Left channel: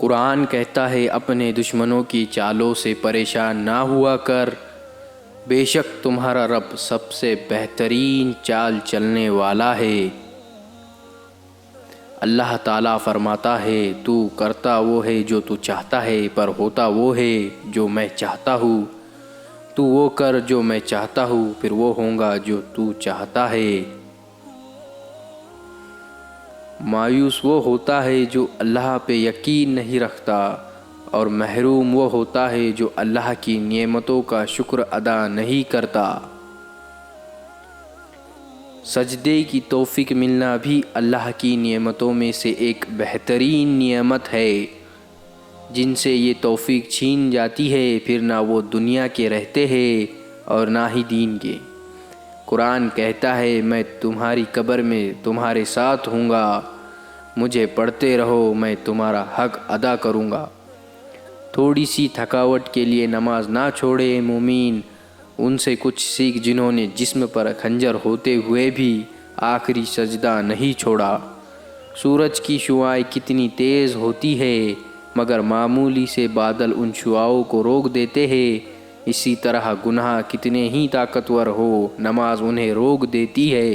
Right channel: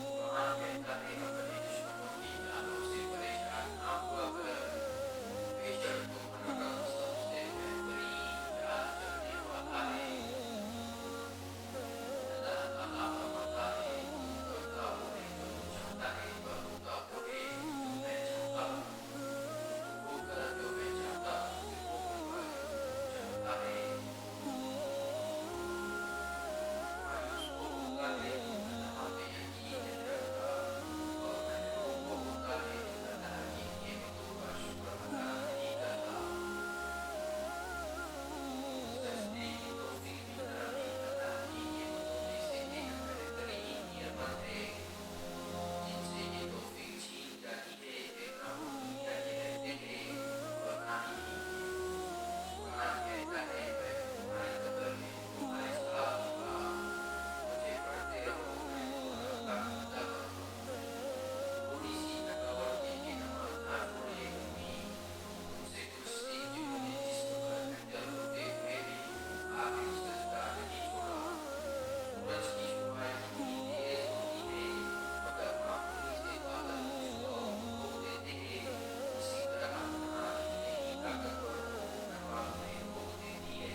قرآن کہتا ہے اپنے دشمنوں کی چالوں سے پریشان نہ ہوا کر، بے شک تمہارا رب سب سے بہترین چال چلنے والا ہے۔ اللہ تعالیٰ فرماتا ہے تو کرتا وہ ہے جو تو چاہتا ہے، پر ہوتا وہ ہے جو میں چاہتا ہوں۔ تو وہ کر جو میں چاہتا ہوں، پھر وہ ہوگا جو تو چاہتا ہے۔ مایوس وہ ہوتا ہے جو اللہ پہ یقین نہیں رکھتا، اور محروم وہ ہوتا ہے جو اللہ کی نعمتوں کا شکر ادا نہیں کرتا۔ سجدے کی توفیق ملنا بھی اللہ کی نعمتوں میں سے ایک بہترین نعمت ہے۔ جن سے یہ توفیق چھین جاتی ہے، پھر نہ وہ دنیا کے رہتے ہیں اور نہ ہی دین کے۔ قرآن کہتا ہے میں تمہاری قبر میں تمہارے ساتھ ہوں گا، مجھے پڑھتے رہو میں تمہارا حق ادا کروں گا۔ تھوڑی سی تھکاوٹ کے لیے نماز نہ چھوڑے مومین، ان سے کچھ سیکھ جنہوں نے جسم پر خنجر ہوتے ہوئے بھی آخری سجدہ نہیں چھوڑا۔ سورج کی شعاعیں کتنی تیز ہوتی ہے، مگر معمولی سے بادل ان شعاعوں کو روک دیتے ہیں۔ اسی طرح گناہ کتنے ہی طاقتور ہو، نماز انہیں روک دیتی ہے۔